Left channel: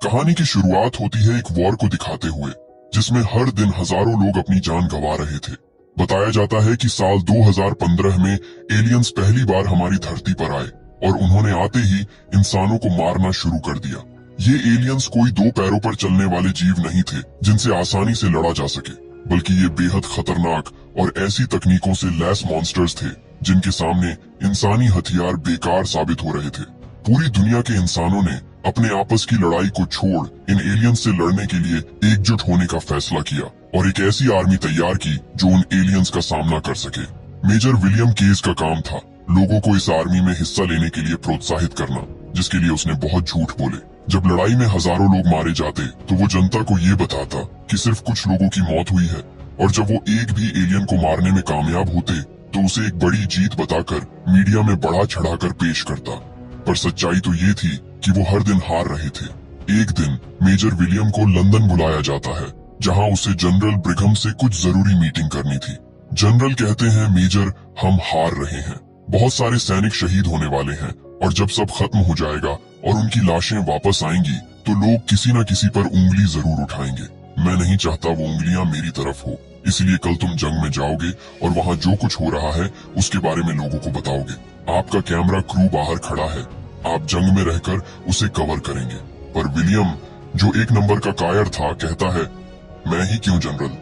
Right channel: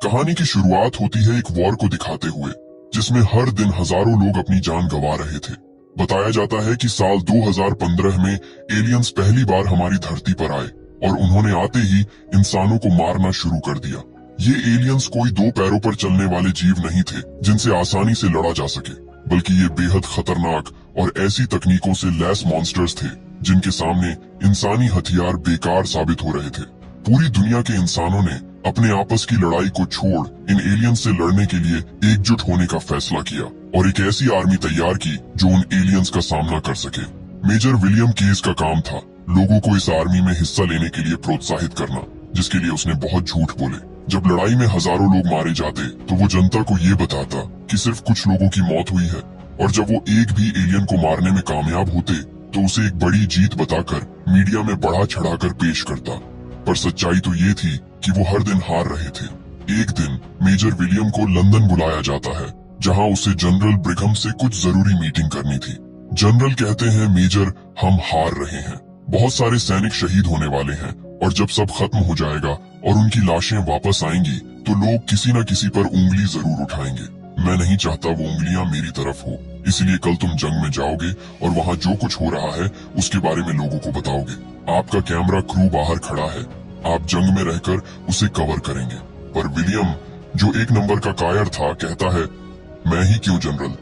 कहानी की शुरुआत होती है एक वॉर को दिखाते हुए, जिसमें हर दिन हजारों लोग अपनी जान गंवा रहे थे। बताया जाता है कि साल 2015 में एलियंस पहली बार हमारी धरती पर आए और उन्होंने आते ही इंसानों को मारना शुरू कर दिया। ये एलियंस कोई दो पैरों पर चलने वाले जीव नहीं थे जिनसे आसानी से लड़ा जा सके, बल्कि ये बेहद खतरनाक और ऐसी तकनीकों से लैस मॉन्स्टर्स थे जिनके सामने इंसानी हथियार बेकार साबित हो रहे थे। पूरी दुनिया के इंसानों ने अपने आपस की लड़ाई को छोड़ इन एलियंस से लड़ने के लिए एकजुट होने का फैसला किया और एक ऐसी आर्मी तैयार की जो उन एलियंस का सामना कर सके। मेजर विलियम केज का काम था लोगों को इस आर्मी में हिस्सा लेने के लिए प्रोत्साहित करना, जिसके लिए उसने बहुत झूठ बोले। जब लड़ाई में हजारों लोग मारे जाते तो वो जनता को ये बताता कि सिर्फ कुछ लोगों की मौत हुई है, और जब वो एक भी एलियन को मारने में कामयाब होते तो उसे एक बड़ी जीत बताकर मीडिया में बढ़ा चढ़ाकर पेश करता। पर सच्चाई तो ये थी कि वो हर दिन हार रहे थे। एक दिन मेजर विलियम को लंदन बुलाया जाता है, जहां उसे जनरल ब्रिघम से कुछ जरूरी मीटिंग करनी थी। जनरल कहते हैं, मेजर, हम हार रहे हैं, बहुत सारे सैनिक शहीद होने वाले हैं, और जब सब खत्म हो जाएगा और उनकी लाशें वापस आएंगी तो लोग किसी न किसी पर उंगली जरूर उठाएंगे। मैं नहीं चाहता वो उंगलियां मेरी तरफ हो, इसलिए कल तुम जंग में जाओगे और वहाँ जो कुछ हो रहा है उसके बारे में लोगों को बताओगे। आपका कैमरा क्रू बाहर खड़ा है, आप जंग में रहकर उसे कवर करेंगे। पर विलियम, जो एक नंबर का कायर था, कहता है, मैं ही क्यों जनरल,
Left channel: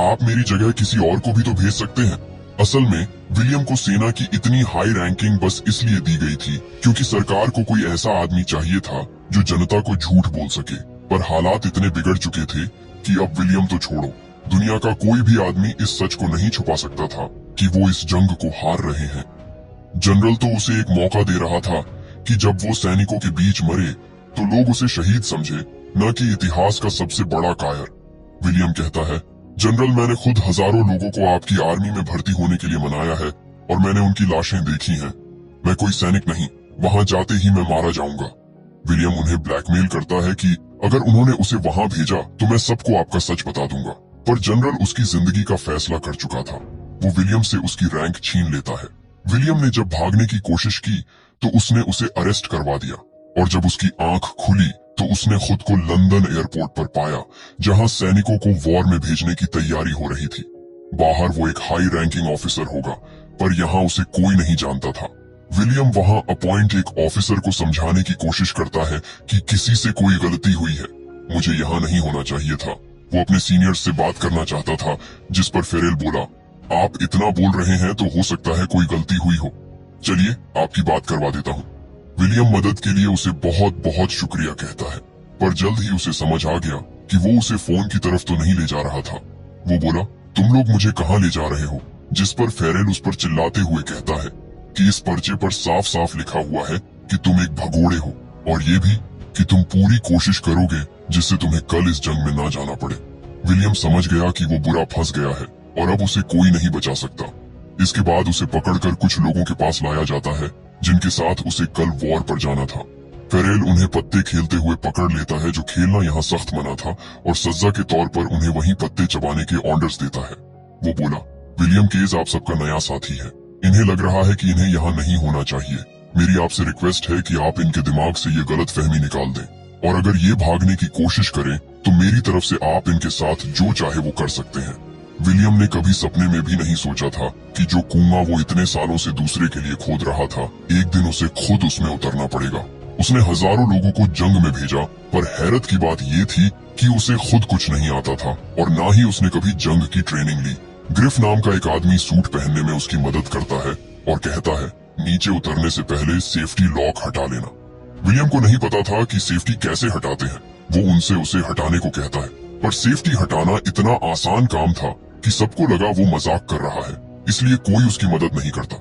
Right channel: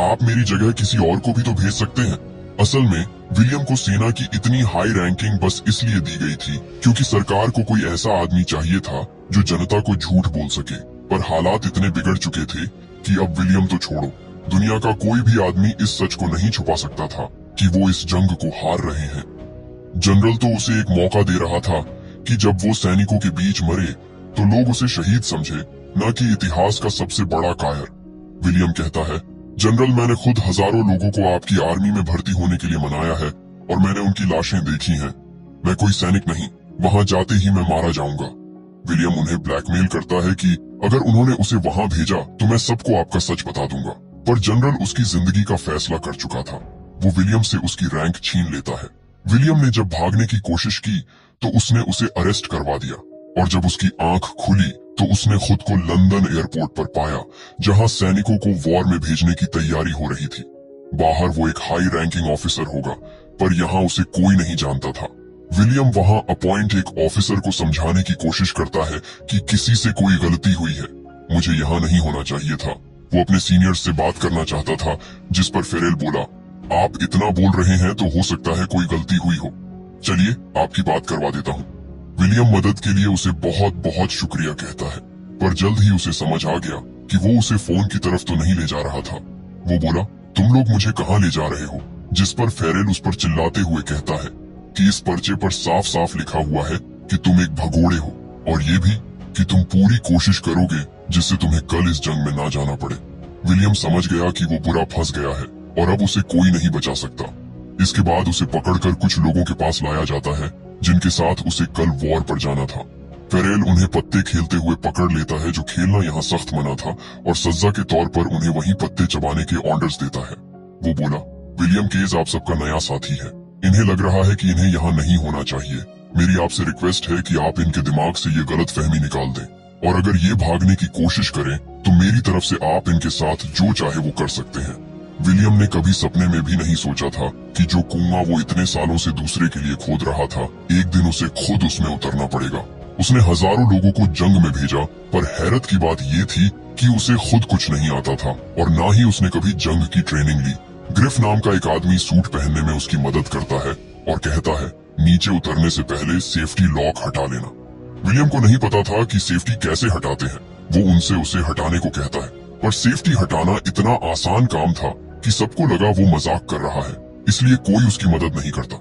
आप मेरी जगह किसी और को भी तो भेज सकते हैं। असल में विलियम को सेना की इतनी हाई रैंकिंग बस इसलिए दी गई थी क्योंकि सरकार को कोई ऐसा आदमी चाहिए था जो जनता को झूठ बोल सके। पर हालात इतने बिगड़ चुके थे कि अब विलियम तो छोड़ो, दुनिया का कोई भी आदमी इस सच को नहीं छुपा सकता था कि वो इस जंग को हार रहे हैं। जनरल तो उसे एक मौका दे रहा था कि जब वो सैनिकों के बीच मरे तो लोग उसे शहीद समझे, न कि इतिहास का सबसे बड़ा कायर। विलियम कहता है, जनरल, मैंने खुद हजारों लोगों को आपकी आर्मी में भर्ती होने के लिए मनाया है और मैंने उनकी लाशें देखी हैं। मैं कोई सैनिक नहीं, वहां जाते ही मैं मारा जाऊंगा। विलियम उन्हें ब्लैकमेल करता है कि अगर उन्होंने उसे वहां भेजा तो मैं सबको आपका सच बता दूंगा। पर जनरल उसकी जिंदगी का फैसला कर चुका था। वो विलियम से उसकी रैंक छीन लेता है। विलियम ने जब भागने की कोशिश की तो उसने उसे अरेस्ट करवा दिया, और जब उसकी आंख खुली तो उसने खुद को लंदन एयरपोर्ट पर पाया, जहां सैनिकों को वॉर में भेजने की तैयारी हो रही थी। बाहर वो एक हाई रैंकिंग ऑफिसर होगा, पर यहाँ उसे कोई नहीं जानता था। विलियम वहां अपॉइंट एक ऑफिसर को समझाने की कोशिश करता है कि किसी से कोई गलती हुई है, मुझे यहाँ नहीं होना चाहिए था। वो अपने सीनियर्स से बात करना चाहता था, जिस पर फेरेल बोला, आप इतना बोल रहे हैं तो हो सकता है कोई गलती हुई हो, चलिए आपकी बात करवा देता हूँ। विलियम मदद के लिए उसे बहुत बहुत शुक्रिया कहता है, पर जल्द ही उसे समझ आ गया कि वो उसे फोन की तरफ तो नहीं ले जा रहा था। वो बोला, तुम लोग मुझे कहाँ ले जा रहे हो? जिस पर फेरेल उस पर चिल्लाते हुए कहता है कि इस पर्चे पर साफ साफ लिखा हुआ है कि तुम एक भगोड़े हो, और ये भी कि तुम पूरी कोशिश करोगे जिससे तुम्हें कल इस जंग में ना जाना पड़े। विलियम समझ गया कि वो बुरा फंस गया है और अब उसे कोई नहीं बचा सकता। इसके बाद उसे पकड़कर कुछ लोगों के पास लाया जाता है जिनके साथ उसे कल वॉर पर जाना था। फेरेल उन्हें पत्ते खेलते हुए पकड़ लेता है, जो खेलना यहाँ सख्त मना था, और सजा के तौर पर उन्हें वहीं पत्ते चबाने के ऑर्डर्स देता है। वो बोला, विलियम केज आप सबका नया साथी है, इन्हें लग रहा है कि इन्हें यहाँ नहीं होना चाहिए। मेरी आपसे रिक्वेस्ट है कि आप इनके दिमाग से ये गलत फहमी निकाल दें, और अगर ये भागने की कोशिश करें तो मेरी तरफ से आप इनके साथ जो चाहे वो कर सकते हैं। विलियम ने कभी सपने में भी नहीं सोचा था कि जो कुआं वो इतने सालों से दूसरे के लिए खोद रहा था, एक दिन उसे खुद उसमें उतरना पड़ेगा। उसने हजारों लोगों को जंग में भेजा, पर हैरत की बात ये थी कि उसे खुद कुछ नहीं आता था और ना ही उसने कभी जंग की ट्रेनिंग ली। ग्रिफ नाम का एक आदमी सूट पहनने में उसकी मदद करता है और कहता है, नीचे उतरने से पहले सेफ्टी लॉक हटा लेना। विलियम को नहीं पता था कि सेफ्टी कैसे हटाते हैं। वो उनसे उसे हटाने को कहता है, पर सेफ्टी हटाना इतना आसान काम था कि सबको लगा वो मजाक कर रहा है, इसलिए कोई उसकी मदद नहीं करता।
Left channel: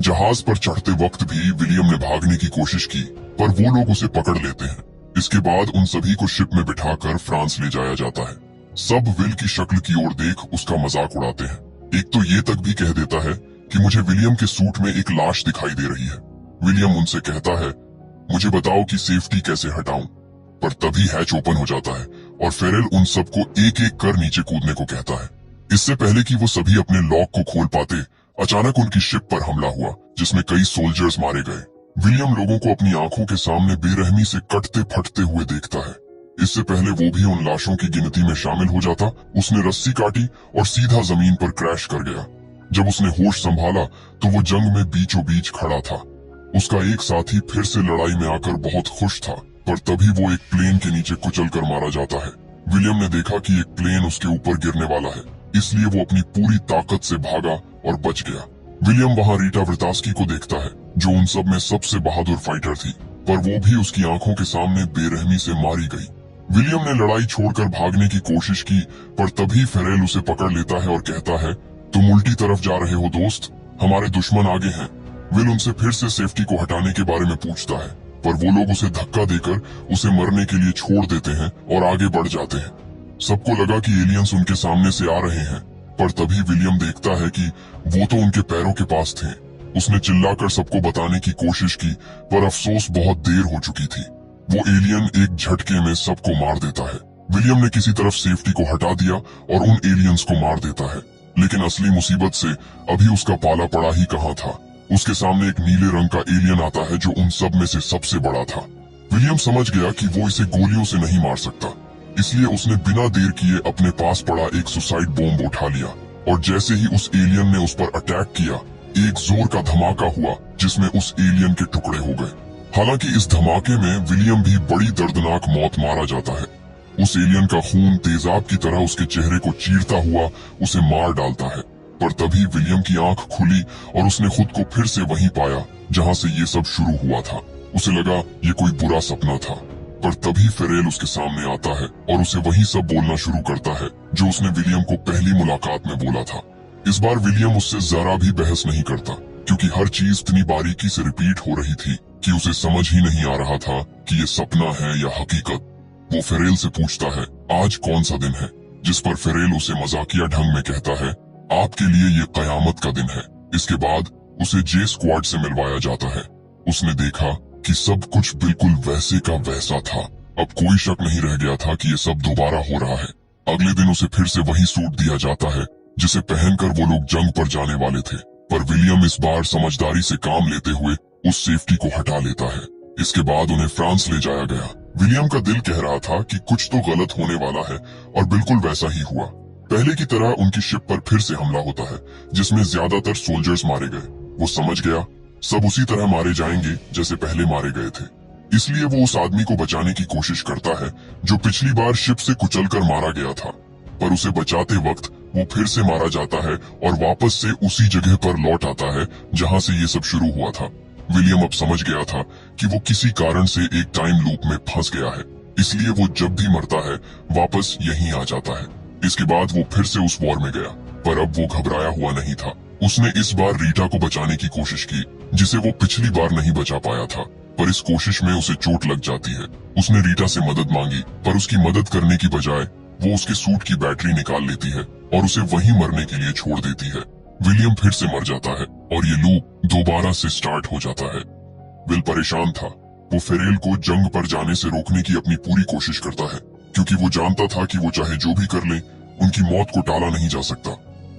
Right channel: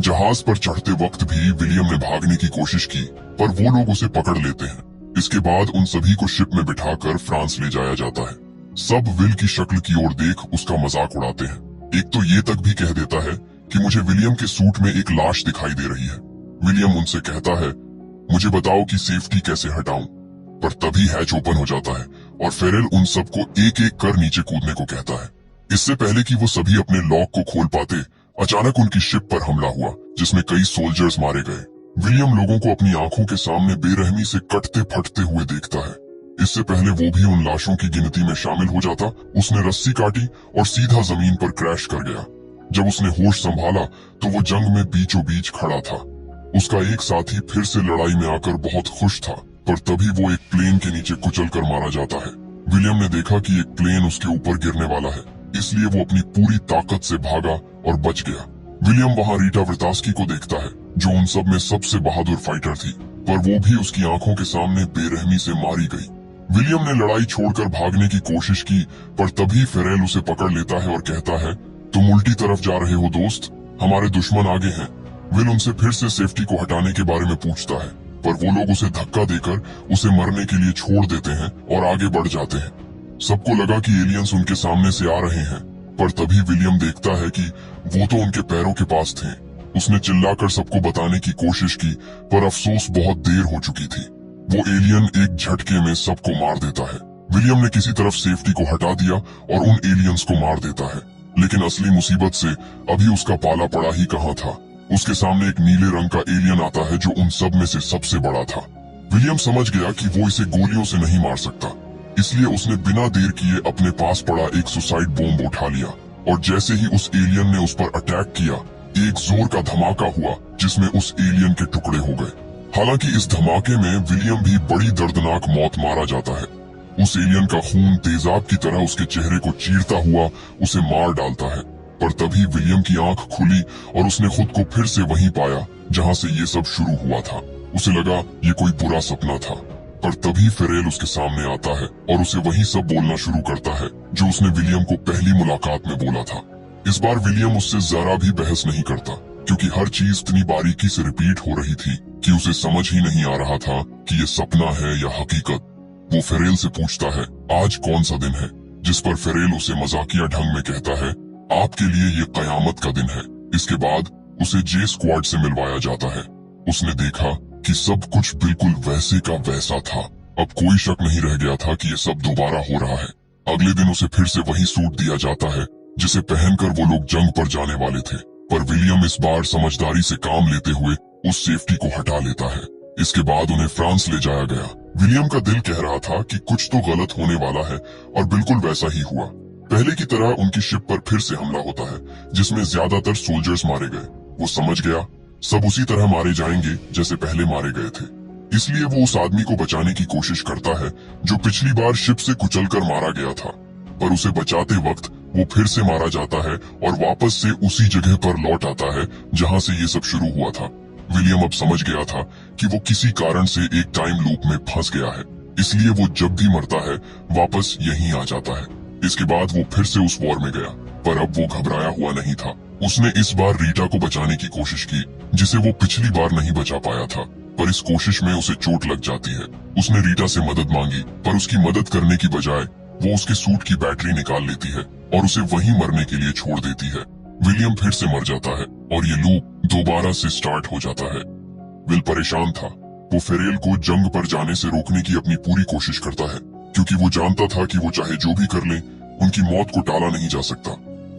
जहाज पर चढ़ते वक्त भी विलियम ने भागने की कोशिश की, पर वो लोग उसे पकड़ लेते हैं। इसके बाद उन सभी को शिप में बिठाकर फ्रांस ले जाया जाता है। सब विल की शक्ल की ओर देख उसका मजाक उड़ाते हैं। एक तो ये तक भी कह देता है कि मुझे विलियम के सूट में एक लाश दिखाई दे रही है। विलियम उनसे कहता है, मुझे बताओ कि सेफ्टी कैसे हटाऊं। पर तभी हैच ओपन हो जाता है और फेरेल उन सबको एक एक कर नीचे कूदने को कहता है। इससे पहले कि वो सभी अपने लॉक को खोल पाते, अचानक उनकी शिप पर हमला हुआ, जिसमें कई सोल्जर्स मारे गए। विलियम लोगों को अपनी आंखों के सामने बेरहमी से कटते फटते हुए देखता है। इससे पहले वो भी उन लाशों की गिनती में शामिल हो जाता, उसने रस्सी काटी और सीधा जमीन पर क्रैश कर गया। जब उसने होश संभाला तो वो जंग में बीचों बीच खड़ा था। उसका एक साथी फिर से लड़ाई में आकर बहुत खुश था, पर तभी वो एक प्लेन के नीचे कुचल कर मारा जाता है। विलियम ने देखा कि एक प्लेन उसके ऊपर गिरने वाला है, इसलिए वो अपनी पूरी ताकत से भागा और बच गया। विलियम वहां रीटा वर्तास्की को देखता है, जो उन सब में सबसे बहादुर फाइटर थी, पर वो भी उसकी आंखों के सामने बेरहमी से मारी गई। विलियम ने लड़ाई छोड़कर भागने की कोशिश की, पर तभी फेरेल उसे पकड़ लेता है और कहता है, तुम उल्टी तरफ जा रहे हो दोस्त, हमारे दुश्मन आगे हैं। विल उनसे फिर से सेफ्टी को हटाने के बारे में पूछता है, पर वो लोग उसे धक्का देकर उसे मरने के लिए छोड़ देते हैं और आगे बढ़ जाते हैं। सबको लगा कि एलियंस उनके सामने से आ रहे हैं, पर तभी विलियम देखता है कि वो तो उनके पैरों के पास थे। उसने चिल्लाकर सबको बताने की कोशिश की, पर अफसोस बहुत देर हो चुकी थी। वो एलियन एक झटके में सबको मार देता है। विलियम ने किसी तरफ सेफ्टी को हटा दिया और उन एलियंस को मार देता है, लेकिन असली मुसीबत से अभी उसका पाला पड़ा ही कहाँ था। उसके सामने एक नीले रंग का एलियन आता है जो उन सब में से सबसे बड़ा था। विलियम समझ गया कि वो इसे गोलियों से नहीं मार सकता, इसलिए उसने बिना देर किए अपने पास पड़ा एक सुसाइड बॉम्ब उठा लिया, और जैसे ही उस एलियन ने उस पर अटैक किया, एक जोर का धमाका हुआ जिसमें उस एलियन के टुकड़े हो गए। हालांकि इस धमाके में विलियम भी बड़ी दर्दनाक मौत मारा जाता है। उस एलियन का खून तेजाब की तरह उसके चेहरे को चीरता हुआ उसे मार डालता है, पर तभी विलियम की आंख खुली और उसने खुद को फिर से वहीं पाया जहां से ये सब शुरू हुआ था। उसे लगा ये कोई बुरा सपना था, पर तभी फेरेल उसके सामने आता है और उसे वही सब बोलना शुरू करता है जो उसने विलियम को पहली मुलाकात में बोला था। इस बार विलियम उससे जरा भी बहस नहीं करता, क्योंकि हर चीज इतनी बारीकी से रिपीट हो रही थी कि उसे समझ ही नहीं आ रहा था कि ये सपना है या हकीकत। वो फेरेल से पूछता है, आज कौन सा दिन है, जिस पर फेरेल उसे मजाकिया ढंग में कहता है, आपके लिए ये कयामत का दिन है। इसके बाद उसे जे स्क्वाड से मिलवाया जाता है। उसने देखा कि सब कुछ बिल्कुल वैसे का वैसा था। अब कोई शक नहीं रह गया था कि ये सब दोबारा हो रहा है। अगले दिन उसे फिर से वही सूट दिया जाता है जिसे पहनकर वो लोग जंग पर जाने वाले थे, पर विलियम इस बार समझदारी से काम लेते हुए उस सेफ्टी को हटा लेता है। इसके बाद उन्हें फ्रांस ले जाया गया। विलियम का दिल कह रहा था कि कुछ तो गलत होने वाला है, और बिल्कुल वैसा ही हुआ। पहले की तरह उनकी शिप पर फिर से हमला होता है, जिसमें ज्यादातर सोल्जर्स मारे गए। वो समझ गया सब उसी तरह मारे जाएंगे जैसे पहले मारे गए थे, इसलिए वो उस आदमी को बचाने की कोशिश करता है जो पिछली बार शिप से कुचलकर मारा गया था, पर उसे बचाते वक्त वो फिर से मारा जाता है और वापस से उसी जगह पर लौट आता है जहां से ये सब शुरू हुआ था। विलियम अब समझ गया था कि वो किसी कारण से एक टाइम लूप में फंस गया है, इसलिए वो जब भी मरता है वापस यहीं आ जाता है। इसके बाद वो फिर से उस वॉर में गया, पर अब वो घबराया हुआ नहीं था। उसने इस बार रीटा को बचाने की कोशिश की, जिसे वो पिछली बार नहीं बचा पाया था, पर इस कोशिश में उसे चोट लग जाती है। उसने रीटा से मदद मांगी, पर उसकी मदद करने की बजाय वो उसके सूट की बैटरी निकाल लेती है और उसे वहीं मरने के लिए छोड़ देती है। विलियम फिर से मर जाता है और ये लूप दोबारा से स्टार्ट हो जाता है। विल परेशान था। वो फेरेल को जंग पर जाने से रोकने की अपनी पूरी कोशिश करता है, क्योंकि वो जानता था कि वो चाहे जो भी कर ले, उनकी मौत को टाला नहीं जा सकता।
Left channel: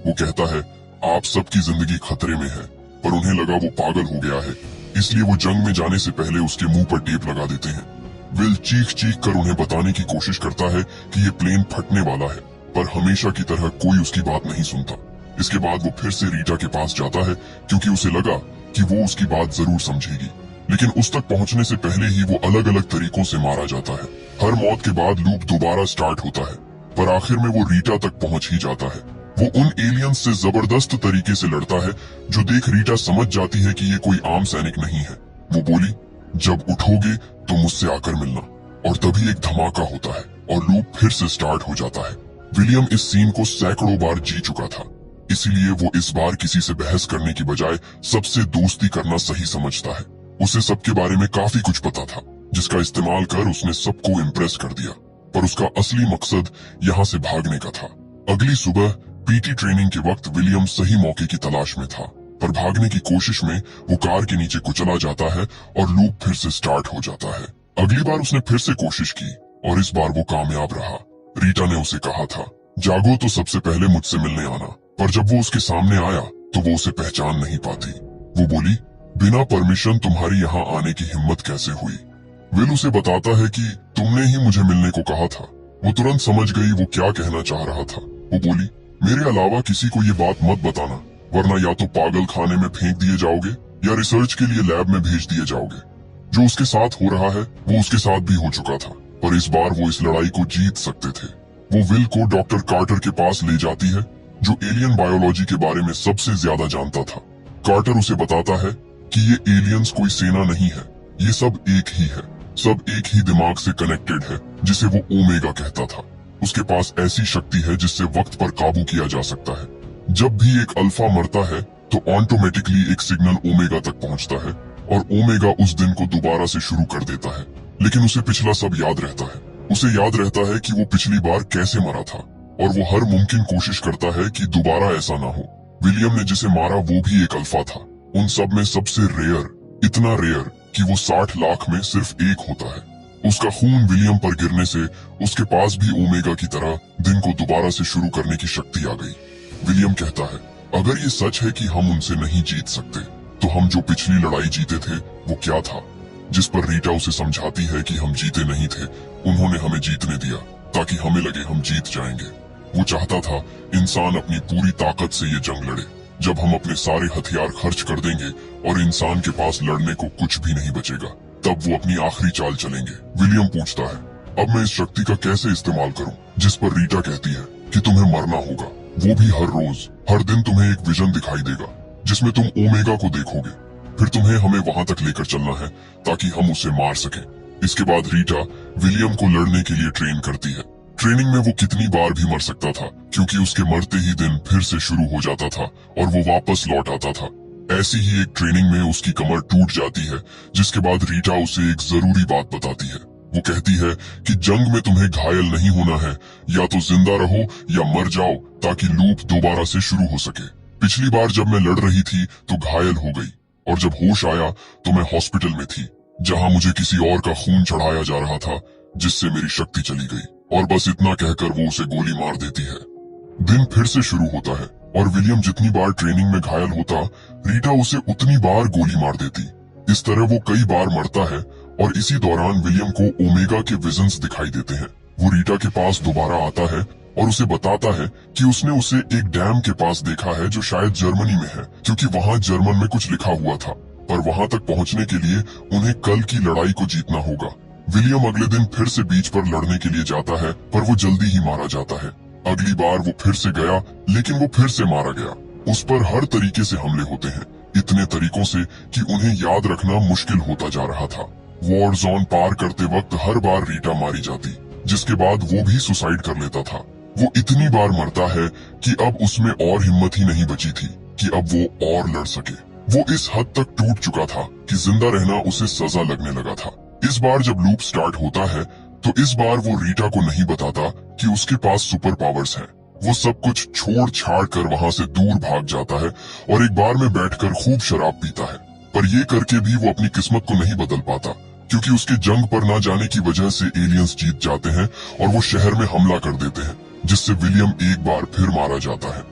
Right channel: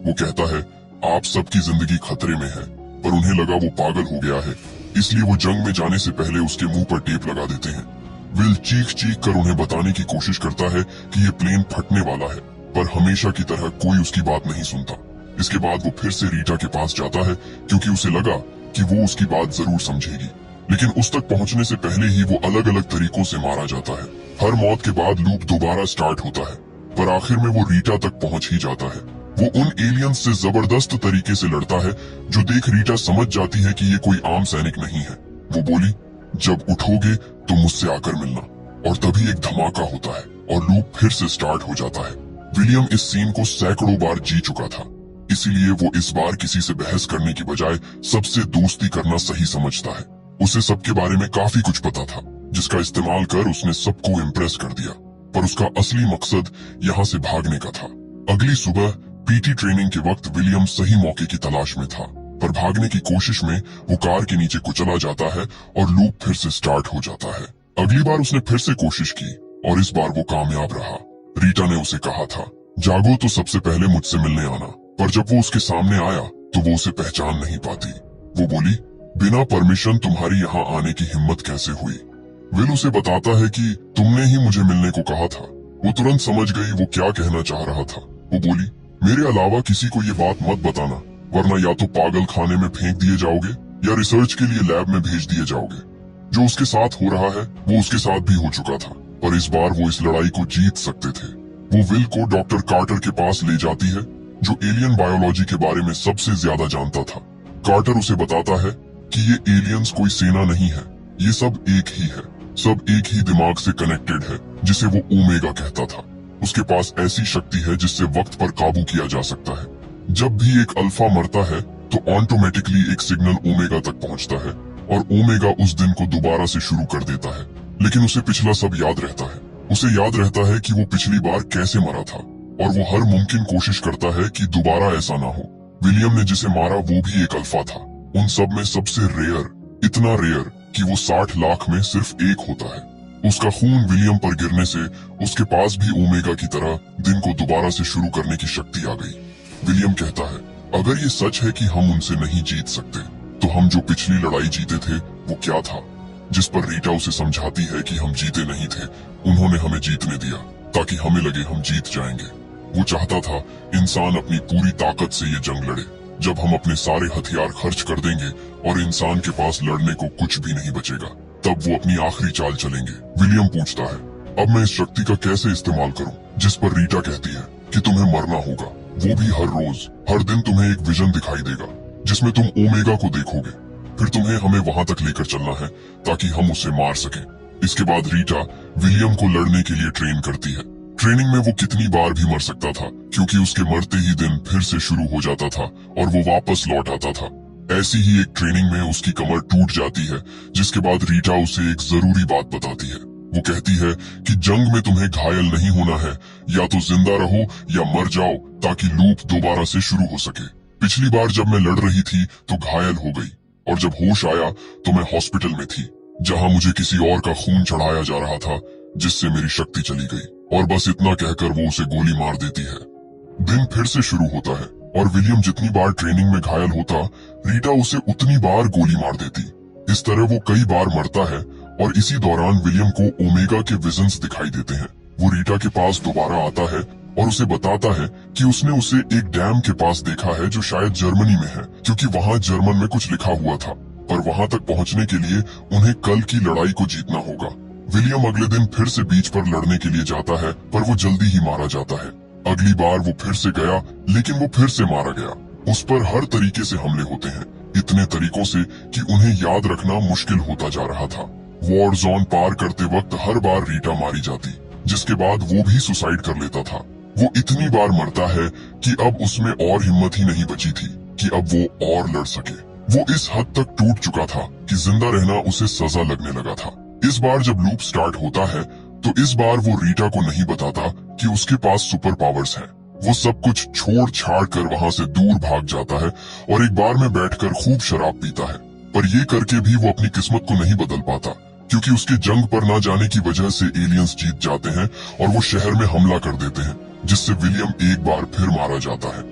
वो कहता है, आप सबकी जिंदगी खतरे में है, पर उन्हें लगा वो पागल हो गया है, इसलिए वो जंग में जाने से पहले उसके मुंह पर टेप लगा देते हैं। विल चीख चीख कर उन्हें बताने की कोशिश करता है कि ये प्लेन फटने वाला है, पर हमेशा की तरह कोई उसकी बात नहीं सुनता। इसके बाद वो फिर से रीटा के पास जाता है, क्योंकि उसे लगा कि वो उसकी बात जरूर समझेगी, लेकिन उस तक पहुंचने से पहले ही वो अलग अलग तरीकों से मारा जाता है। हर मौत के बाद लूप दोबारा स्टार्ट होता है, पर आखिर में वो रीटा तक पहुंच ही जाता है। वो उन एलियंस से जबरदस्त तरीके से लड़ता है, जो देख रीटा समझ जाती है कि ये कोई आम सैनिक नहीं है। वो बोली, जब उठोगे तो मुझसे आकर मिलना, और तभी एक धमाका होता है और लूप फिर से स्टार्ट हो जाता है। विलियम इस सीन को सैकड़ों बार जी चुका था, इसीलिए वो इस बार किसी से बहस करने की बजाय सबसे दोस्ती करना सही समझता है। उसे सबके बारे में काफी कुछ पता था, जिसका इस्तेमाल कर उसने सबको इम्प्रेस कर दिया, पर उसका असली मकसद यहाँ से भागने का था। अगली सुबह पीटी ट्रेनिंग के वक्त विलियम सही मौके की तलाश में था, पर भागने की कोशिश में वो कार के नीचे कुचला जाता है और लूप फिर से स्टार्ट हो जाता है। अगली बार उसने फिर से कोशिश की और इस बार वो कामयाब रहा। रीटा ने उसे कहा था, जागो तो सबसे पहले मुझसे मिलने आना, पर जब वो उसके सामने आया तो वो उसे पहचान नहीं पाती। वो बोली, बिना परमिशन तुम्हारी यहाँ आने की हिम्मत कैसे हुई? विल उसे बताता है कि तुमने ही मुझे मिलने को कहा था। वो तुरंत समझ गई वो क्या कहना चाह रहा था। वो बोली, मेरे अलावा किसी को ये बात मत बताना, वरना या तो पागल खाने में फेंक दिए जाओगे या रिसर्च के लिए लैब में भेज दिए जाओगे। जो उसके साथ हो रहा है वो उसके साथ भी हो चुका था, पर इस बार वो इस लड़ाई को जीत सकते थे। वो विल को डॉक्टर कार्टर के पास ले जाती है, जो एलियन बायोलॉजी के बारे में सबसे ज्यादा जानता था। कार्टर उसे बताता है कि ये एलियंस कोई सेना नहीं है, ये सब एक ही है, सब एक ही दिमाग से कनेक्टेड है, जिसे वो ओमेगा कहता था। उसके पास ऐसी शक्ति है जिससे वक्त पर काबू किया जा सकता है। जब भी एक अल्फा मरता है तो ऑटोमेटिकली एक सिग्नल ओमेगा तक पहुंचता है और ओमेगा उस दिन को दोबारा से शुरू कर देता है। लेकिन उसे पिछला सब याद रहता है। उसे याद रहता है कि वो पिछली बार कैसे मरा था और वो हर मुमकिन कोशिश करता है कि दोबारा ऐसा ना हो। विलियम ने जिसे मारा वो भी एक अल्फा था, उन सब में सबसे रेयर, इतना रेयर कि वो 60 लाख में सिर्फ एक होता है। उसका खून विलियम पर गिरने से उसके पास भी ओमेगा की तरह दिन को दोबारा से शुरू करने की शक्ति आ गई। विलियम कहता है, अगर ये सच है कि हम उनसे नहीं जीत सकते, तो हम जो पिछली लड़ाई जीते थे वो क्या था? जिस पर रीटा उसे समझाती है कि हम जीते नहीं थे, उन्होंने हमें जीतने दिया ताकि हमें लगे हम जीत जाएंगे। वो चाहता था इंसान अपनी पूरी ताकत से ये जंग लड़े। जब हम अपने सारे हथियार खर्च कर देंगे और इंसान के पास लड़ने को कुछ भी नहीं बचेगा, तब वो अपनी आखिरी चाल चलेंगे। विलियम पूछता है, अब मैं इस शक्ति का कैसे इस्तेमाल करूं? जिस पर रीटा कहती है कि तुम्हें मरना होगा, वो भी हर रोज, हर दिन तुम्हें एक विजन दिखाई देगा जिसमें तुम ओमेगा को देखोगे। फिर तुम्हें हमें वहां तक लेकर चलना है ताकि हम उसे मार सकें। इसके बाद रीटा विलियम को लड़ने के लिए ट्रेन करती है। ट्रेनिंग में वो कितनी बार भी मर सकता था, क्योंकि उसके मरते ही दिन फिर से शुरू हो जाता था और वो वापस लौट आता था। ऐसी ही एक ट्रेनिंग में उसकी कमर टूट जाती है, जिसके बाद रीटा उसे एक जरूरी बात बताती है। वो कहती है कि जंग में तुम्हें घायल नहीं होना है, या तो जिंदा रहो या मर जाओ ताकि लूप दोबारा से शुरू हो सके। पिछली बार जब मैं लड़ रही थी तो घायल हो गई, और जब होश आया तो मैं हॉस्पिटल में थी, जहां मुझे किसी और का खून चढ़ाया जा रहा था, जिससे मेरी शक्ति चली गई। और बस इतना कहकर वो उसे गोली मार देती है। दिन फिर से शुरू होता है और विलियम जितनी बार ट्रेनिंग में घायल होता, रीटा उसे उतनी बार गोली मार देती। इस तरह वो कई बार मरता है और इसी दौरान विलियम को ओमेगा के विजन्स दिखाई देते हैं। वो रीटा के पास दोबारा आता है और उसे बताता है कि उसने उसे एक डैम के पास देखा है जो शायद जर्मनी में है, क्योंकि वहाँ जर्मन में कुछ लिखा हुआ था। पर वहाँ तक पहुँचने के लिए उन्हें कल की लड़ाई को जीतना होगा। विलियम अगले दिन फिर से बीच पर लड़ने के लिए जाता है, पर वो जल्दी ही मारा जाता है। अगली बार वो फिर से गया, लेकिन वो फिर से मारा गया। उस पर हर तरीके से हमले होते हैं, इतने तरीकों से कि उन्हें याद रखना मुश्किल होता जा रहा था। वॉर जोन पार करते वक्त हर बार रीटा मारी जाती, जिसके बाद वो भी सुसाइड कर लेता था। वो इतनी बार मरता है कि अब उसमें और हिम्मत ही नहीं बची थी कि अब वो और लड़ सके। वो इस हद तक टूट चुका था कि जिंदा रहना उसे सजा लगने लगा था। इस बार जब लूप स्टार्ट होता है तो इस बार वो रीटा को नहीं बताता कि उसके पास सुपर पावर्स हैं। वो सब कुछ छोड़ छाड़ कर वहाँ से दूर भाग जाता है और एक बार में बैठकर खूब शराब पीता है। पर ये करके भी वो अपनी किस्मत को नहीं बदल पाता, क्योंकि उसके जंग पर ना जाने की वजह से एलियंस जीत जाते हैं और वो शहर में हमला कर देते हैं, जिससे विलियम एक बार फिर मारा जाता है।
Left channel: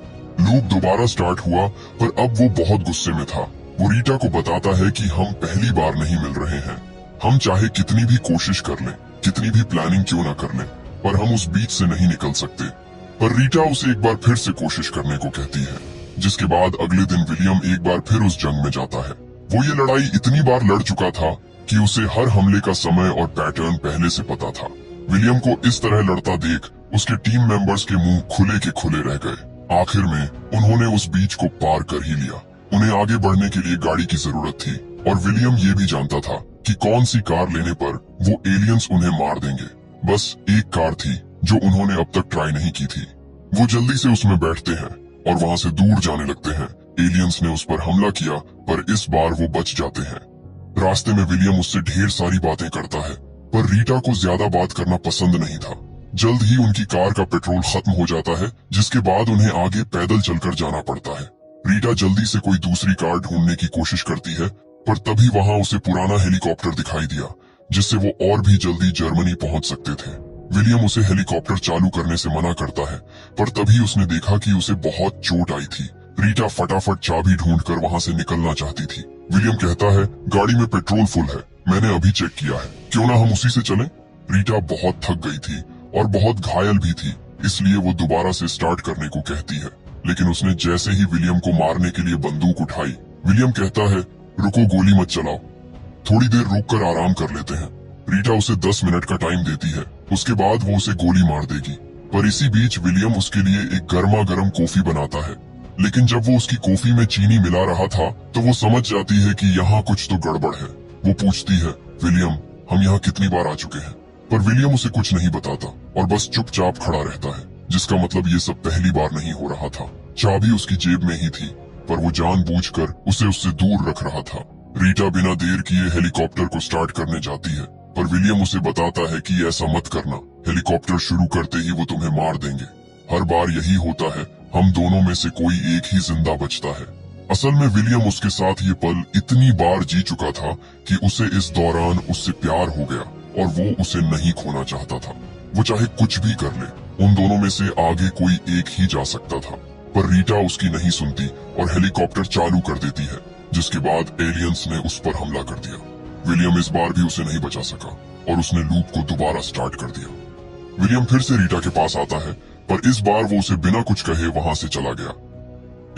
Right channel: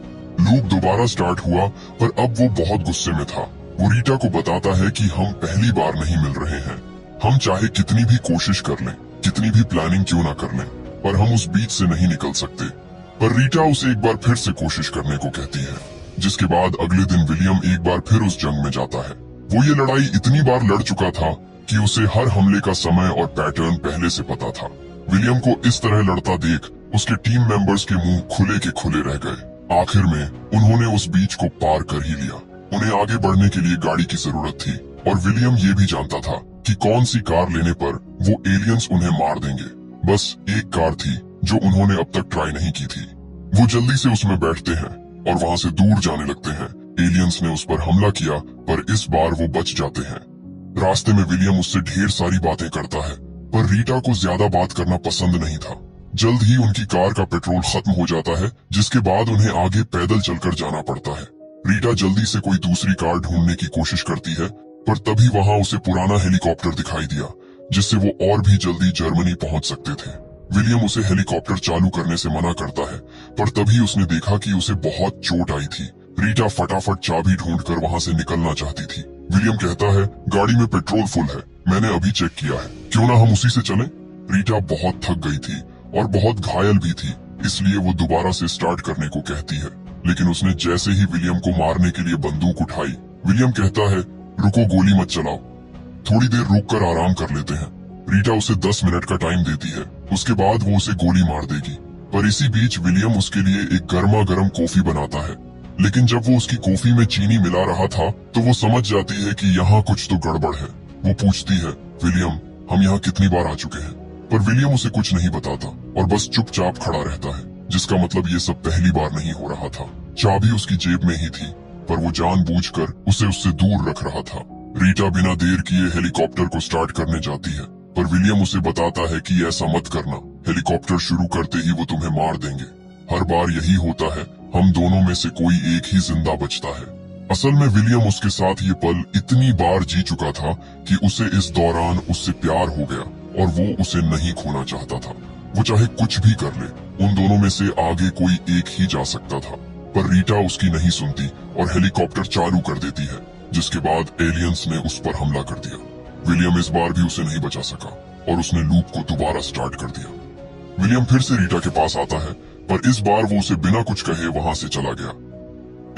लूप दोबारा स्टार्ट हुआ, पर अब वो बहुत गुस्से में था। वो रीटा को बताता है कि हम पहली बार नहीं मिल रहे हैं। हम चाहे कितनी भी कोशिश कर लें, कितनी भी प्लानिंग क्यों ना कर लें, पर हम उस बीच से नहीं निकल सकते। पर रीटा उसे एक बार फिर से कोशिश करने को कहती है, जिसके बाद अगले दिन विलियम एक बार फिर उस जंग में जाता है। वो ये लड़ाई इतनी बार लड़ चुका था कि उसे हर हमले का समय और पैटर्न पहले से पता था। विलियम को इस तरह लड़ता देख उसके टीम मेंबर्स के मुंह खुले के खुले रह गए। आखिर में उन्होंने उस बीच को पार कर ही लिया। उन्हें आगे बढ़ने के लिए गाड़ी की जरूरत थी और विलियम ये भी जानता था कि कौन सी कार लेने पर वो एलियंस उन्हें मार देंगे। बस एक कार थी जो उन्होंने अब तक ट्राई नहीं की थी। वो जल्दी से उसमें बैठते हैं और वहाँ से दूर जाने लगते हैं। एलियंस ने उस पर हमला किया, पर इस बार वो बच जाते हैं। रास्ते में विलियम उससे ढेर सारी बातें करता है, पर रीटा को ज्यादा बात करना पसंद नहीं था। जल्द ही उनकी कार का पेट्रोल खत्म हो जाता है, जिसके बाद उन्हें आगे पैदल चलकर जाना पड़ता है। रीटा जल्दी से कोई दूसरी कार ढूंढने की कोशिश करती है, पर तभी वहाँ उसे पुराना हेलीकॉप्टर दिखाई दिया, जिससे वो और भी जल्दी जर्मनी पहुंच सकते थे। विलियम उसे हेलीकॉप्टर चालू करने से मना करता है, पर तभी उसने देखा कि उसे बहुत चोट आई थी। रीटा फटाफट चाबी ढूंढकर वहाँ से निकलना चाहती थी। विलियम कहता है, गाड़ी में पेट्रोल फुल है, मैंने अभी चेक किया है, क्यों ना हम उसी से चलें? रीटा बहुत थक गई थी और बहुत घायल भी थी, इसलिए वो दोबारा से स्टार्ट करने को कहती है। लेकिन उसने जैसे ही विलियम को मारने के लिए बंदूक उठाई, विलियम कहता है, रुको, गोली मत चलाओ, थोड़ी देर रुक कर आराम कर लेते हैं। रीटा उसे 10 मिनट का टाइम देती है, उसके बाद वो उसे गोली मार देगी। पर इसी बीच विलियम उसके लिए एक गर्मा गर्म कॉफी बनाता है। लेकिन जब वो उसकी कॉफी में चीनी मिला रहा था तो वो समझ जाती है कि यहाँ कुछ तो गड़बड़ है। वो पूछती है, विलियम, हम यहाँ कितनी बार आ चुके हैं? पर विलियम उसे कुछ नहीं बताता और बस चुपचाप खड़ा रहता है, जिसका मतलब ये सब पहली बार नहीं हो रहा था। चाबी उसकी जेब में ही थी, पर वो जानबूझकर उसे उससे दूर रख रहा था। रीटा बिना देर किए हेलीकॉप्टर को स्टार्ट करने जाती है, पर विलियम उसे बताता है कि ऐसा मत करना, हेलीकॉप्टर शुरू करते ही वो तुम्हें मार देंगे। हर बार यही होता है, हम दोनों में से कोई एक ही जिंदा बचता है। असल में विलियम उसके साथ ये पल इतनी बार जी चुका था कि उसे इस दौरान उससे प्यार हो गया और वो उसे नहीं खोना चाहता था। वो चाहे कुछ भी कर ले, उन दोनों में से आगे कोई एक ही जा सकता था। पर रीटा उसकी नहीं सुनती और हेलीकॉप्टर चालू कर देती है, जिसके बाद एलियंस ने उस पर हमला कर दिया। विलियम इस बार भी उसे नहीं बचा सका और उसने लूप को दोबारा स्टार्ट कर दिया। विलियम फिर से रीटा के पास आता है, पर इस बार वो उसे बिना कुछ कहे वहां से चला गया।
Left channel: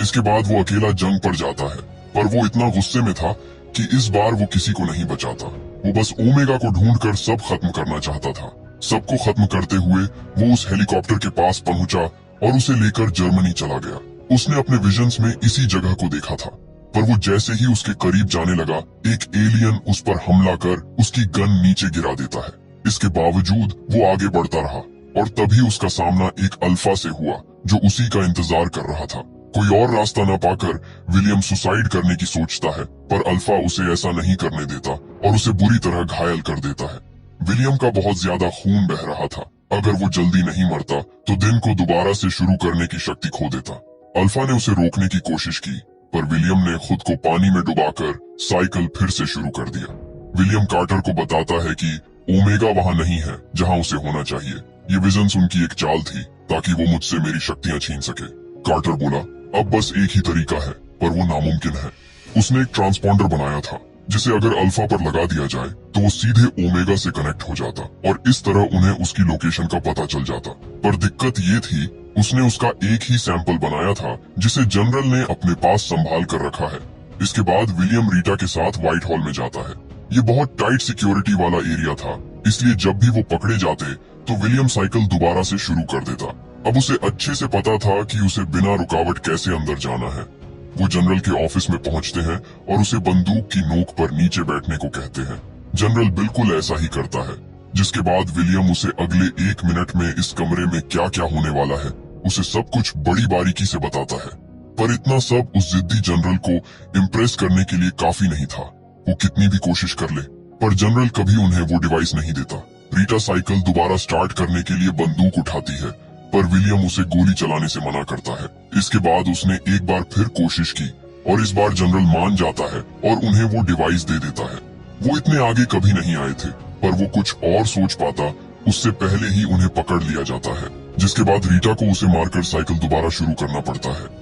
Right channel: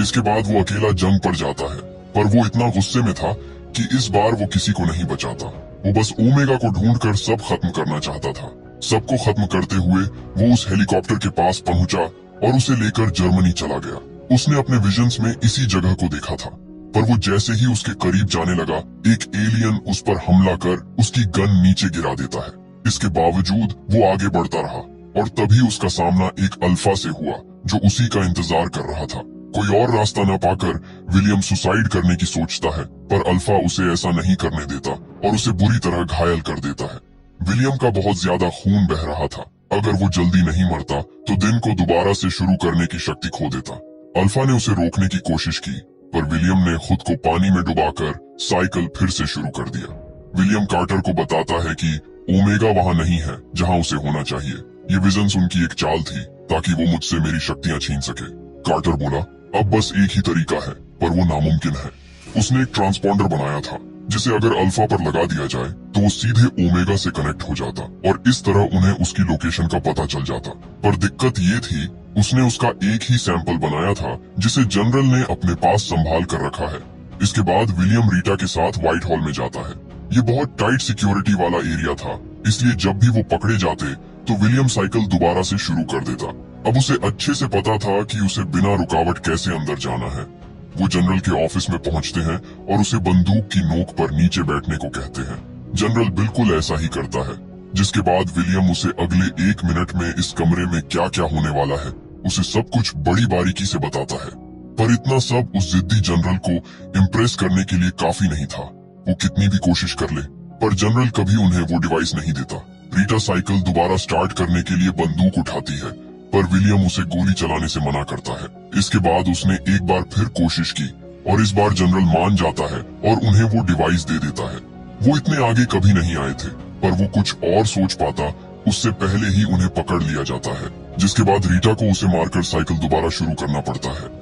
इसके बाद वो अकेला जंग पर जाता है, पर वो इतना गुस्से में था कि इस बार वो किसी को नहीं बचाता। वो बस ओमेगा को ढूंढकर सब खत्म करना चाहता था। सबको खत्म करते हुए वो उस हेलीकॉप्टर के पास पहुंचा और उसे लेकर जर्मनी चला गया। उसने अपने विजन्स में इसी जगह को देखा था, पर वो जैसे ही उसके करीब जाने लगा, एक एलियन उस पर हमला कर उसकी गन नीचे गिरा देता है। इसके बावजूद वो आगे बढ़ता रहा और तभी उसका सामना एक अल्फा से हुआ, जो उसी का इंतजार कर रहा था। कोई और रास्ता न पाकर विलियम सुसाइड करने की सोचता है, पर अल्फा उसे ऐसा नहीं करने देता और उसे बुरी तरह घायल कर देता है। विलियम का बहुत ज्यादा खून बह रहा था। अगर वो जल्दी नहीं मरता तो दिन को दोबारा से शुरू करने की शक्ति खो देता। अल्फा ने उसे रोकने की कोशिश की, पर विलियम ने खुद को पानी में डुबाकर साइकिल फिर से शुरू कर दिया। विलियम कार्टर को बताता है कि ओमेगा वहाँ नहीं है जहाँ उसे होना चाहिए। ये विजन्स उनकी एक चाल थी ताकि वो मुझसे मेरी शक्तियाँ छीन सके। कार्टर बोला, अब बस एक ही तरीका है, पर वो नामुमकिन है। उसने एक ट्रांसपॉन्डर बनाया था जिसे अगर अल्फा पर लगा दिया जाए तो वो सीधे ओमेगा से कनेक्ट हो जाता और इस तरह उन्हें उसकी लोकेशन का पता चल जाता। पर दिक्कत ये थी, उसने उसका एक ही सैंपल बनाया था जिसे जनरल ने अपने पास संभाल कर रखा है। इसके बाद विलियम रीटा के साथ व्हाइट हॉल में जाता है। ये बहुत टाइट सिक्योरिटी वाला एरिया था, इसलिए जब भी वो पकड़े जाते तो विलियम साइकिल दोबारा से शुरू कर देता। अब उसे अच्छे से पता था कि उसे बिना रुकावट कैसे अंदर जाना है। वो जनरल के ऑफिस में पहुंचते हैं और उसे बंदूक की नोक पर नीचे बैठने को कहते हैं। जनरल बिल्कुल ऐसा ही करता है, जिसके बाद विलियम उसे अगले 1 मिनट में इस कमरे में क्या क्या होने वाला है उसे सब कुछ बड़ी बारीकी से बताता है। पर इतना सब उस जिद्दी जनरल को इम्प्रेस करने के लिए काफी नहीं था। वो कितनी भी कोशिश कर ले, पर जनरल कभी उन्हें वो डिवाइस नहीं देता। रीटा साइकिल दोबारा स्टार्ट करने के लिए बंदूक उठाती है, पर विलियम उसे गोली चलाने से मना करता है। इसके बाद उसने एक बार फिर कोशिश की और इस बार जनरल मान जाता है और उन्हें वो डिवाइस दे देता है। वो इतने आगे कभी नहीं आए थे, पर वो कुछ और सोच पाता उससे पहले ही उन्हें पकड़ लिया जाता है, जिसके बाद रीटा को उसे मारकर साइकिल दोबारा शुरू करना पड़ता है।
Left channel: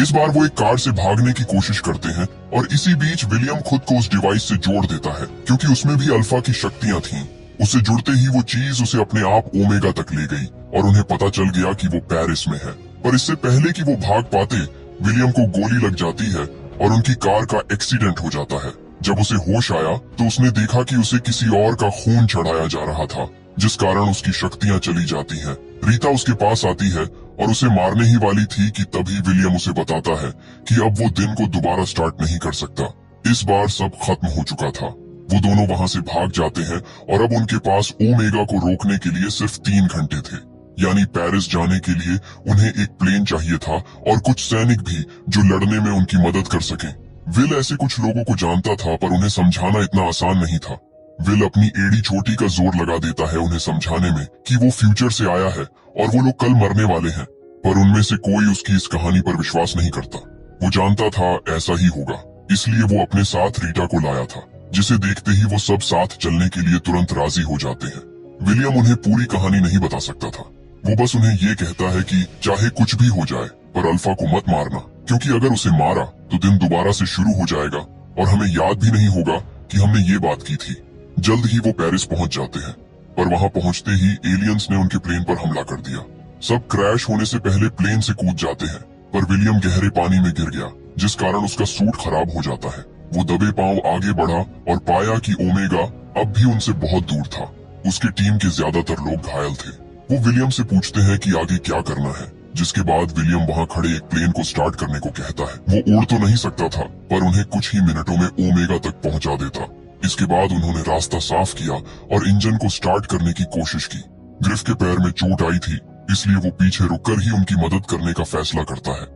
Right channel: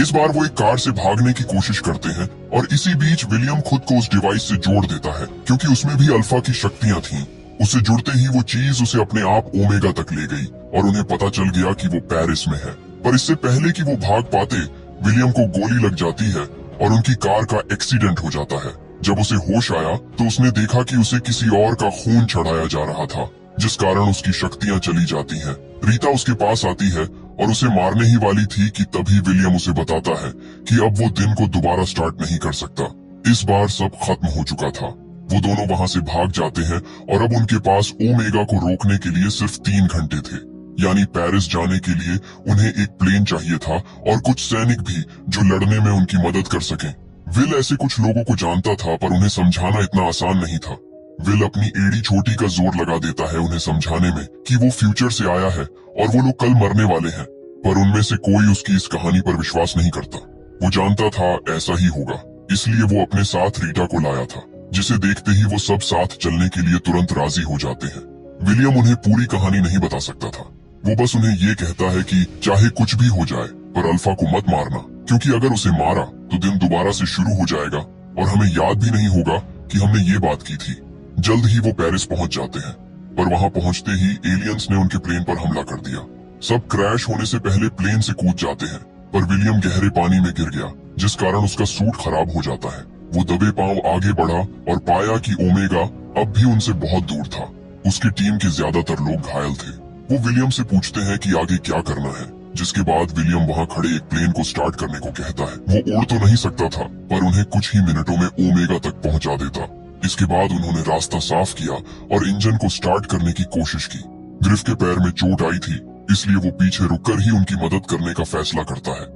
इस बार वो एक कार से भागने की कोशिश करते हैं और इसी बीच विलियम खुद को उस डिवाइस से जोड़ देता है, क्योंकि उसमें भी अल्फा की शक्तियां थीं। उसे जुड़ते ही वो चीज उसे अपने आप ओमेगा तक ले गई और उन्हें पता चल गया कि वो पेरिस में है। पर इससे पहले कि वो भाग पाते, विलियम को गोली लग जाती है और उनकी कार का एक्सीडेंट हो जाता है। जब उसे होश आया तो उसने देखा कि उसे किसी और का खून चढ़ाया जा रहा था, जिस कारण उसकी शक्तियां चली जाती हैं। रीटा उसके पास आती है और उसे मारने ही वाली थी कि तभी विलियम उसे बताता है कि अब वो दिन को दोबारा स्टार्ट नहीं कर सकता। इस बार सब खत्म हो चुका था। वो दोनों वहां से भाग जाते हैं और अब उनके पास ओमेगा को रोकने के लिए सिर्फ 3 घंटे थे। यानी पेरिस जाने के लिए उन्हें एक प्लेन चाहिए था और कुछ सैनिक भी जो लड़ने में उनकी मदद कर सके। विल ऐसे कुछ लोगों को जानता था, पर उन्हें समझाना इतना आसान नहीं था। विल अपनी एड़ी छोटी का जोर लगा देता है उन्हें समझाने में कि वो फ्यूचर से आया है और वो लोग कल मरने वाले हैं, पर उनमें से कोई उसकी इस कहानी पर विश्वास नहीं करता। वो जानता था ऐसा ही होगा, इसलिए वो अपने साथ रीटा को लाया था, जिसे देखते ही वो सब साथ चलने के लिए तुरंत राजी हो जाते हैं। विलियम उन्हें पूरी कहानी नहीं बता सकता था। वो बस उन्हें ये कहता है कि चाहे कुछ भी हो जाए, पर अल्फा को मत मारना, क्योंकि अगर उसे मारा तो दिन दोबारा से शुरू हो जाएगा और हमें याद भी नहीं होगा कि हमने ये बात की थी। जल्द ही वो पेरिस पहुंच जाते हैं, पर वहां पहुंचते ही एलियंस ने उनके प्लेन पर हमला कर दिया। सब क्रैश होने से पहले प्लेन से कूद जाते हैं, पर विलियम गहरे पानी में गिर गया, जिस कारण उसका सूट खराब हो जाता है। वो दबे पांव आगे बढ़ा और पाया कि ओमेगा अब भी उनसे बहुत दूर था। उसकी टीम के ज्यादातर लोग घायल थे। वो विलियम से पूछते हैं कि आगे क्या करना है, जिसके बाद विलियम वहां खड़े एक प्लेन को स्टार्ट करने को कहता है। वो उड़ तो नहीं सकता था, पर उन्हें कुछ ही मिनटों में ओमेगा तक पहुंचा देता। इसके बाद उन्होंने रास्ता साफ किया और इंजन को स्टार्ट करने की कोशिश की। ग्रिफ के पैर में चोट आई थी, इसलिए वो पीछे रुककर ही उनकी मदद करने का फैसला करता है।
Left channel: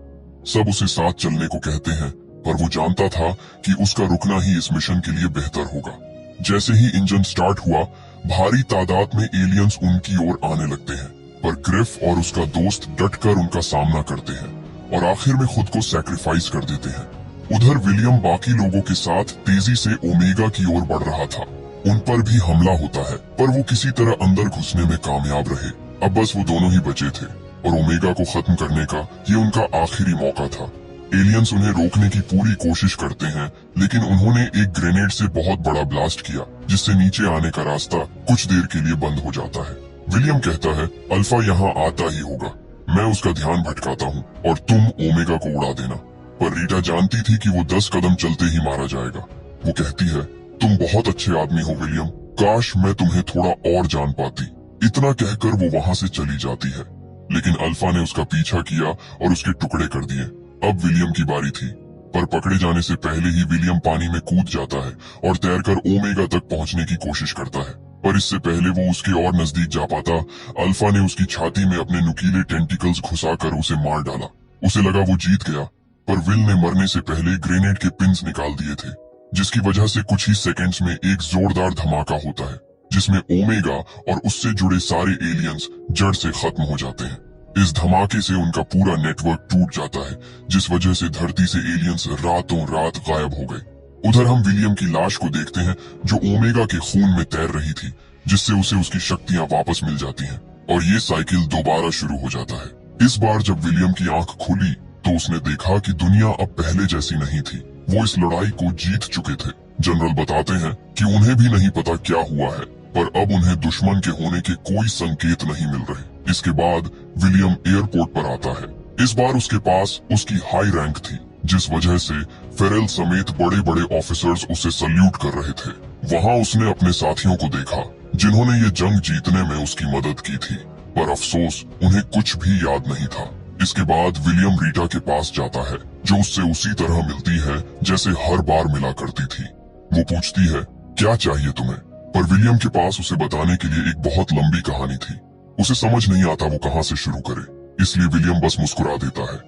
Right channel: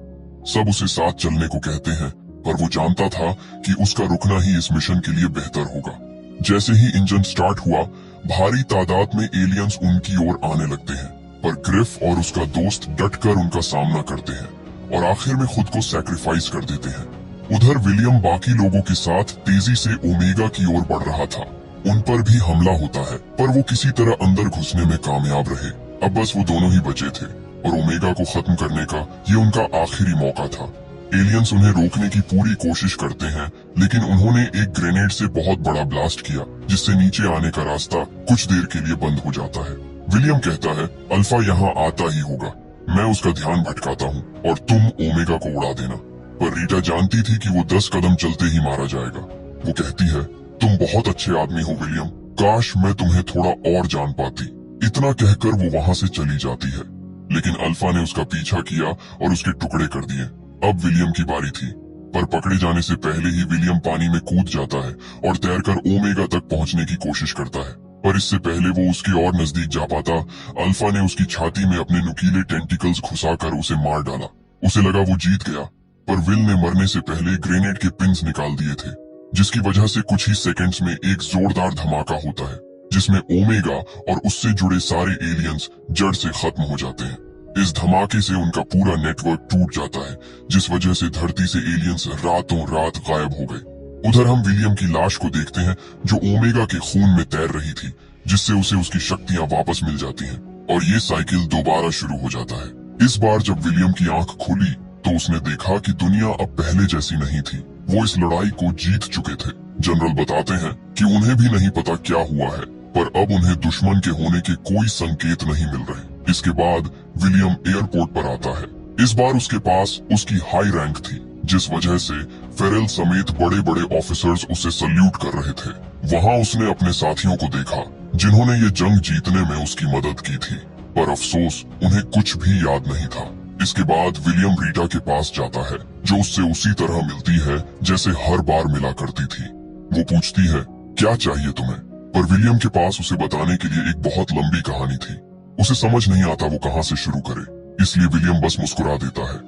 सब उसे साथ चलने को कहते हैं, पर वो जानता था कि उसका रुकना ही इस मिशन के लिए बेहतर होगा। जैसे ही इंजन स्टार्ट हुआ, भारी तादाद में एलियंस उनकी ओर आने लगते हैं, पर ग्रिफ और उसका दोस्त डटकर उनका सामना करते हैं और आखिर में खुद को सैक्रिफाइस कर देते हैं। उधर विलियम बाकी लोगों के साथ तेजी से ओमेगा की ओर बढ़ रहा था। उन पर भी हमला होता है, पर वो किसी तरह अंदर घुसने में कामयाब रहे। अब बस वो दोनों ही बचे थे और ओमेगा को खत्म करने का ये उनका आखिरी मौका था। एलियंस उन्हें रोकने की पूरी कोशिश करते हैं, लेकिन उन्होंने एक ग्रेनेड से बहुत बड़ा ब्लास्ट किया, जिससे नीचे आने का रास्ता कुछ देर के लिए बंद हो जाता है। विलियम कहता है, अल्फा यहाँ आता ही होगा, मैं उसका ध्यान भटकाता हूँ और तुम ओमेगा को उड़ा देना। पर रीटा जानती थी कि वो 10 कदम चलते ही मारा जाएगा। वो कहती है, तुम बहुत अच्छे आदमी हो विलियम, काश मैं तुम्हें थोड़ा और जान पाती। इतना कहकर वो वहाँ से चली जाती है, लेकिन अल्फा ने उसका पीछा किया और उसके टुकड़े कर दिए। अब विलियम की बारी थी, पर पकड़े जाने से पहले ही विलियम पानी में कूद जाता है और तैरकर ओमेगा तक पहुंचने की कोशिश करता है। पर इससे पहले वो उसके और नजदीक जा पाता, अल्फा ने उसकी छाती में अपने नुकीले टेंटिकल्स घुसाकर उसे मार डाला। उसे लगा वो जीत गया, पर विल ने मरने से पहले ग्रेनेड के पिंस निकाल दिए थे, जिसकी वजह से कुछ ही सेकंड्स में एक जोरदार धमाका होता है, जिसमें ओमेगा और उससे जुड़े सारे एलियंस जड़ से खत्म हो जाते हैं। इस धमाके से उनका पूरा नेटवर्क टूट जाता है, जिस वजह से धरती से एलियंस रातों रात गायब हो गए। उधर हम विलियम की लाश को देखते हैं, जो ओमेगा के खून में तैर रही थी, जिससे उसे उसकी शक्तियां वापस मिल जाती हैं और ये साइकिल दोबारा शुरू हो जाता है। इस बार जब विलियम की आंख खुली, तो उसने देखा कि दुनिया अब पहले जैसी नहीं थी। वो इस लड़ाई को जीत चुके थे। जनरल बताते हैं कि उन्हें भी नहीं पता क्या हुआ है, पर अब उन्हें दुश्मन के होने के कोई संकेत नहीं मिल रहे। इसके बाद विलियम एयरपोर्ट पर आता है। इस बार उसके पास उसकी हाई रैंक थी, जिस वजह से फेरेल समेत बड़े बड़े ऑफिसर्स उसे सल्यूट कर रहे थे। वहाँ उसने अपने साथियों को देखा, जिन्होंने ये जंग जीतने में उसकी मदद की थी, पर अफसोस उन्हें कुछ भी याद नहीं था। इसके बाद विलियम रीटा के पास जाता है, जो उससे उसी तरह मिलती है जैसे हर बार मिला करती थी। वो पूछती है, क्या चाहिए तुम्हें? पर विलियम के पास उसे बताने के लिए एक बहुत लंबी कहानी थी। उसे समझ नहीं आता वो कहाँ से शुरू करे, इसलिए विलियम बस मुस्कुरा देता है।